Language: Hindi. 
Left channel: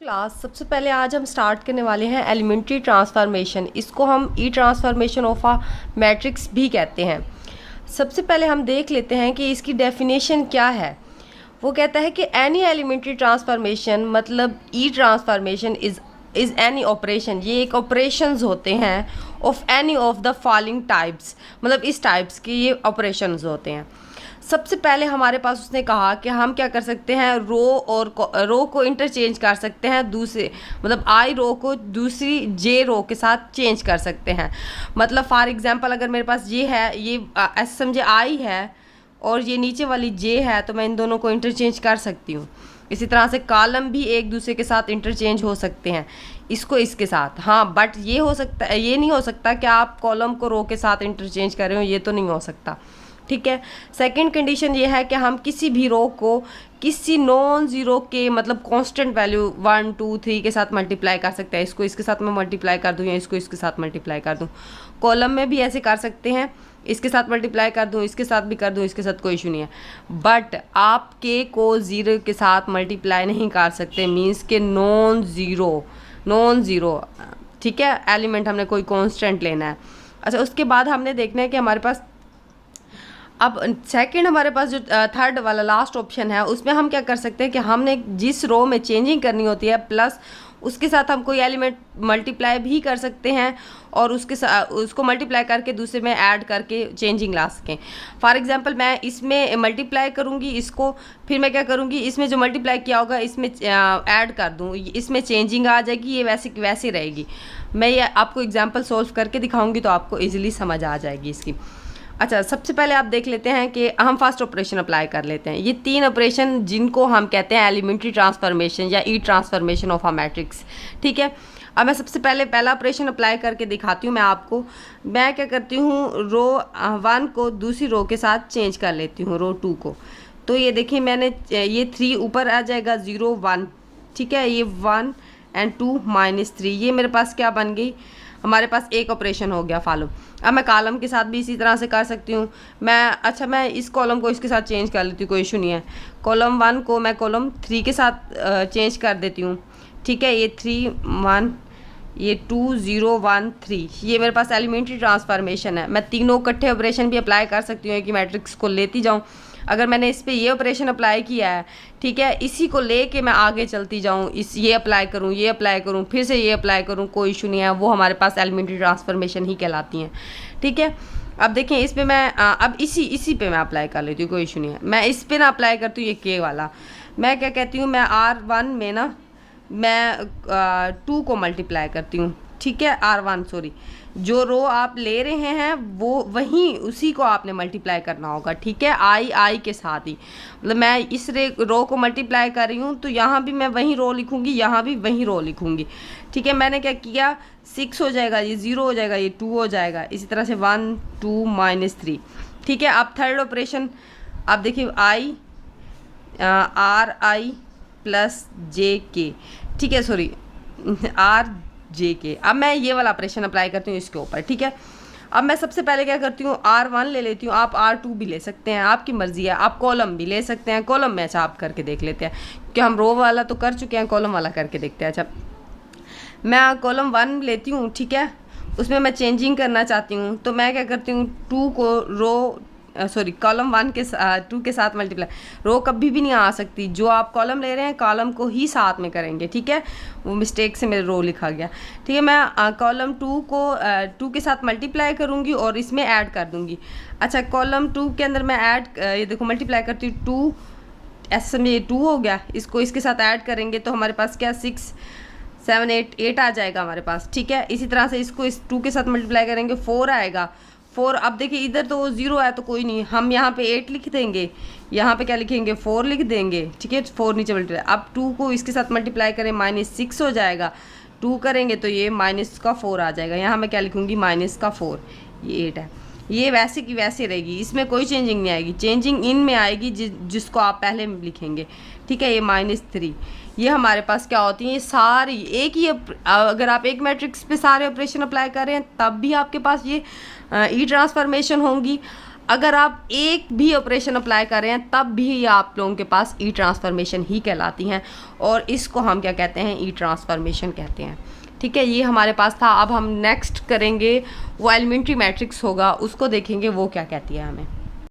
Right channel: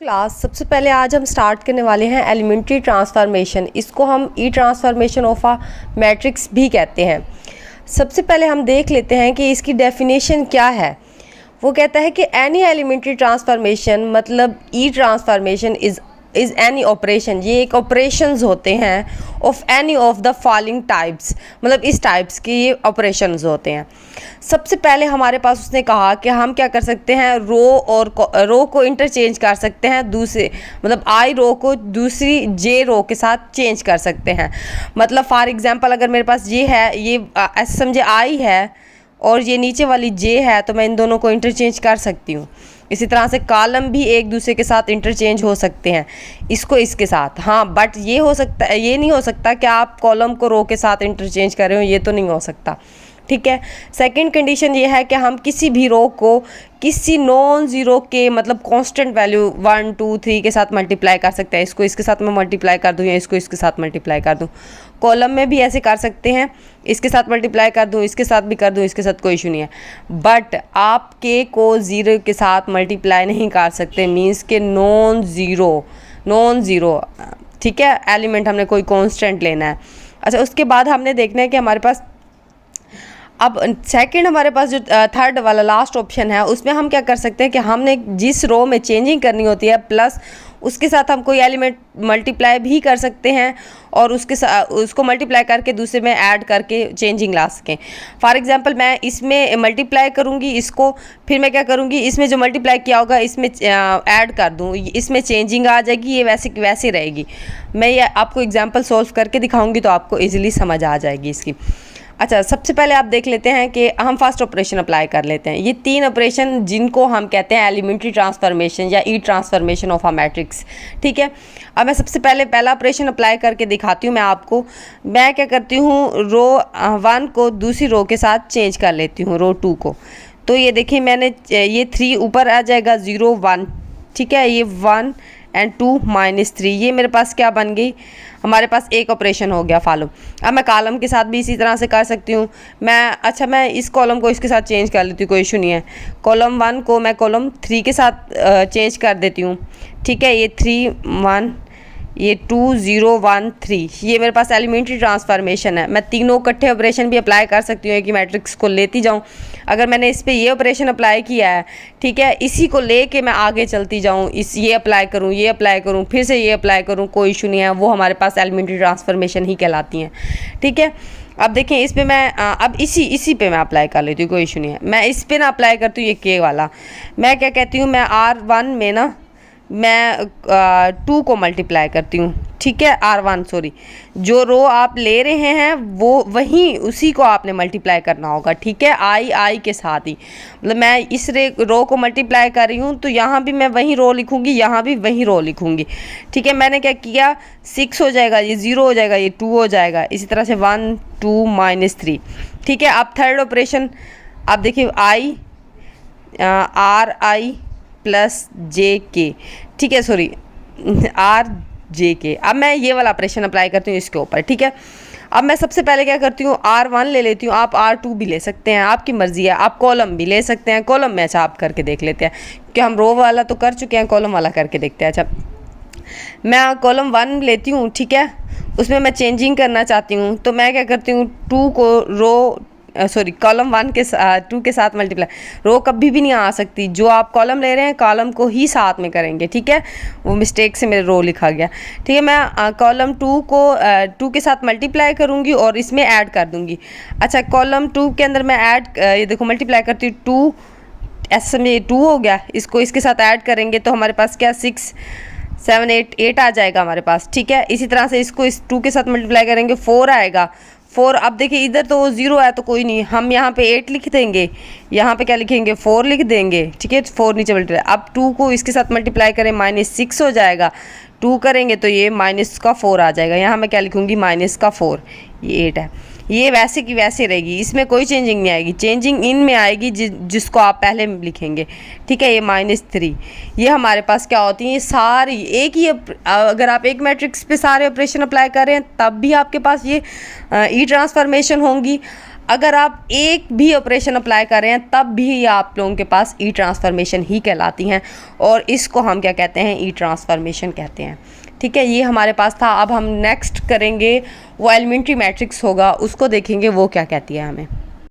क्लास सबसे पहले आज हम स्टार्ट करने वाले हैं एलिमेंट्री ट्रांसफॉर्मेशन। इसको हम E transformation of a matrix भी कहते हैं। सबसे पहले हम देख लेते हैं कि इसकी डेफिनेशन क्या है। वो कहता है कि एनी एलिमेंट्री ट्रांसफॉर्मेशन मतलब ई ट्रांसफॉर्मेशन इज़ एनी ऑपरेशन, ये एक ऑपरेशंस होते हैं of any of the following types, मतलब इस टाइप्स के ये ऑपरेशंस होते हैं। सबसे पहले हमारे पास उसने कहा कि हम क्या कर सकते हैं, रो को इंटरचेंज कर सकते हैं, दूसरे मतलब आई रो को दूसरी जे रो के साथ चेंज कर सकते हैं। मतलब फॉर एग्जांपल अगर मेरे पास ये है, ये ऐसे समझे आई है और ये नीचे वाली जे है, तो मैं इन दोनों को इंटरचेंज कर सकती हूँ। इसी तरह से कॉलम भी एक दूसरे के साथ इंटरचेंज हो सकते हैं, इसको इसके साथ। हाँ, बट ये हो सकता है, ये नहीं हो सकता कि आप कॉलम को रो के साथ इंटरचेंज कर रहे हो, ये तो नहीं हो सकता। ठीक है। सेकंड कंडीशन ये है कि हम किसी भी रो को किसी नॉन ज़ीरो के मतलब कांस्टेंट वैल्यू 1 2 3 के साथ मल्टीप्लाई कर सकते हैं। इसको इसके साथ मैं मल्टीप्लाई कर दूँ या इसको इसके साथ मल्टीप्लाई कर दूँ। कॉलम में भी ऐसे कर सकते हैं, इसके साथ मल्टीप्लाई कर दूँ, इसके साथ भी कर दूँ, इसके साथ कोई इशू नहीं है। बट आप के को ज़ीरो के साथ मल्टीप्लाई नहीं कर सकते, मीन्स के नॉन ज़ीरो। ठीक है, एलिमेंट हमने कोई कॉन्स्टेंट लेना है। अच्छा, उसके बाद हमने देखना है कि हमारे पास अब सेकंड हमारे पास जो थर्ड वाला लास्ट ऑप्शन है, उसमें हम क्या कर सकते हैं कि हमने जिस रो में चेंजिंग करनी होती है प्लस उसके साथ हम कोई एलिमेंट मल्टीप्लाई भी कर सकते हैं और उसके साथ उसको मल्टीप्लाई करके दूसरे में ऐड करके चेंजिंग ला सकें। फॉर एग्जांपल मैं इसमें मल्टीप्लाई करूँगी इसको, फिर मैं क्या करूँगी, इसमें जो मल्टीप्लाई किया होगा इसमें ऐड कर दूँ, इसमें चेंजिंग आ जाएगी, ये वैसे की वैसे रहेगी। मैं ये आपको एग्जाम्पल सॉल्व करके दिखाऊँगी तो आपको ईजिली समझ आ जाएगी इसकी। अच्छा, सबसे पहले आप देख लेते हैं कि हम फर्स्ट ऑपरेशन अप्लाई कर लेते हैं। ये तीन ऑपरेशन जिनको हम कहते हैं एलिमेंट्री ट्रांसफॉर्मेशन या ई ट्रांसफॉर्मेशन ऑफ अ मैट्रिक्स। ठीक है, अब मैं सबसे पहले पहला ऑपरेशन अप्लाई करके दिखाती हूँ मैं आपको। मैं क्या करती हूँ, रो 1 को दूसरी रो के साथ चेंज कर लेती हूँ, रो 2 को। तो ये देखिए मैंने ये 3 ऊपर आ जाएगा, 0 1। ठीक है, ये 1 और 2 -3, ये मेरे पास क्या बन गई, हमारे पास एक ऑपरेशन हो गया फॉलो। अब मैं कॉलम के साथ भी इसी तरह से कर सकती हूँ। मैं इस कॉलम को इसके साथ चेंज कर लेती हूँ, कोई इशू नहीं है। कॉलम 1 को मैं कॉलम 3 के साथ चेंज कर देती हूँ। ठीक है, ये 3 1, ये 2 0 1 3, ये मेरे पास एलिमेंट्री ट्रांसफॉर्मेशन है। मैं तीनों इकट्ठे ऑपरेशन भी अप्लाई कर सकती हूँ, कि मैट्रिक्स को लेती जाऊँ। अगर मैंने इस पर ये ऑपरेशन अप्लाई किया है, ठीक है, इसी को लेके मैं आगे चलती जाऊँ, ये अप्लाई करूँ, फिर से ये अप्लाई करूँ, कोई इशू नहीं है, वो हमारे पास एलिमेंट्री ट्रांसफॉर्मेशन ही कहलाती हैं। ठीक है, अब देखें इस पर मैं अब इसी पे मैं अप्लाई कर लेती हूँ, कोई इशू नहीं है। मैं इस पर ना अप्लाई करती हूँ, ये के वाला मैं क्या कहती हूँ, मैं R1 में ना मैं 2 को मल्टीप्लाई करती हूँ। ठीक है, R1 सॉरी, जो रो आप ले रहे हैं वो वहीं उसी को आपने मल्टीप्लाई करना होगा। ठीक है, आई के साथ ही, मतलब मैं इस रो को मल्टीप्लाई कर रही हूँ तो यहाँ भी मैं वही रो लिखूँगी, यहाँ भी वही रो लिखूँगी। ठीक है, मैंने क्या किया, 6 हो जाएगा, ये 0 हो जाएगा, ये 2 हो जाएगा, इसी तरह से 1 2 -3। ठीक है, अब थर्ड ऑपरेशन आप देखिए, RI प्लस JK, ठीक है, सॉरी RJK। अब मैं ये वाला ऑपरेशन अप्लाई करती हूँ इसके ऊपर। ठीक है, अब मैं सबसे पहले क्या करती हूँ, R1 ले लेती हूँ, आप R2 भी ले सकते हैं, आपकी मर्ज़ी है। आप कॉलम भी ले सकते हैं, कॉलम में अच्छा आप करके देख लेते हैं, क्योंकि हम रो वाला तो कर चुके हैं, कॉलम वाला करके देखते हैं। अच्छा, मैं कॉलम 1 लेती हूँ। ठीक है, उसमें मैं चेंजिंग करना चाहती हूँ, तो मैं क्या करती हूँ, कॉलम 1 के 2 के साथ मल्टीप्लाई। रो कभी भी नहीं आ सकती, जो आप कॉलम ले रहे हैं कॉलम को ही साथ में करेंगे। ठीक है, वो मिस्टेक से मेरे रो लिखा गया। ठीक है, मैं कॉलम 2 को 2 के साथ मल्टीप्लाई करूँगी और इसमें ऐड कर दूँगी। अच्छा, कॉलम 2 के अंदर मैं ये देखो मल्टीप्लाई करती हूँ, 2 ऐसे में ये 2 हो गया, इसको इसके साथ ऐड करेंगे तो हमारे पास क्या 6 7 8 आ जाएगा हमारे पास। ठीक है, इसी तरह से इसको इस 2 के साथ मल्टीप्लाई करेंगे, 4 आएगा। 4, अब देखिए इधर तो 0 है तो कोई नहीं, हम यहाँ पे 8 लिख देंगे, यहाँ पे क्या लिखेंगे, 4 लिख देंगे। ठीक है, 4 नीचे मल्टीप्लाई, अब 2 को इसके साथ मल्टीप्लाई करें, -6 हो जाएगा, 2 करेंगे तो ये -4 आ जाएगा, यहाँ मैं क्या लिखूँगी, -4, ये 8 है। ये वैसे की वैसे रहेगी, इसमें कोई चेंजिंग नहीं आएगी, चेंजिंग इन में आएगी जिसको आप पहले लिखेंगे। ठीक है, ये -3, ये हमारे पास क्या होती है, सारी एक ही, अगर आप एक मैट्रिक्स पे सारे ऑपरेशन अप्लाई कर रहे हैं तब भी आपके पास ये ई ट्रांसफॉर्मेशन होंगी। अगर आप एक भी ऑपरेशन अप्लाई कर रहे हैं तब भी ये आप लोगों के पास ई ट्रांसफॉर्मेशन ही कहलाती हैं, और इसको हम क्या कहते हैं, ई ट्रांसफॉर्मेशन कहते हैं। ठीक है, ये हमारे पास था। अब हम नेक्स्ट करेंगे वो एलिमेंट्री मैट्रिक्स होगा, उसको देखेंगे वो क्या कहती है हमें।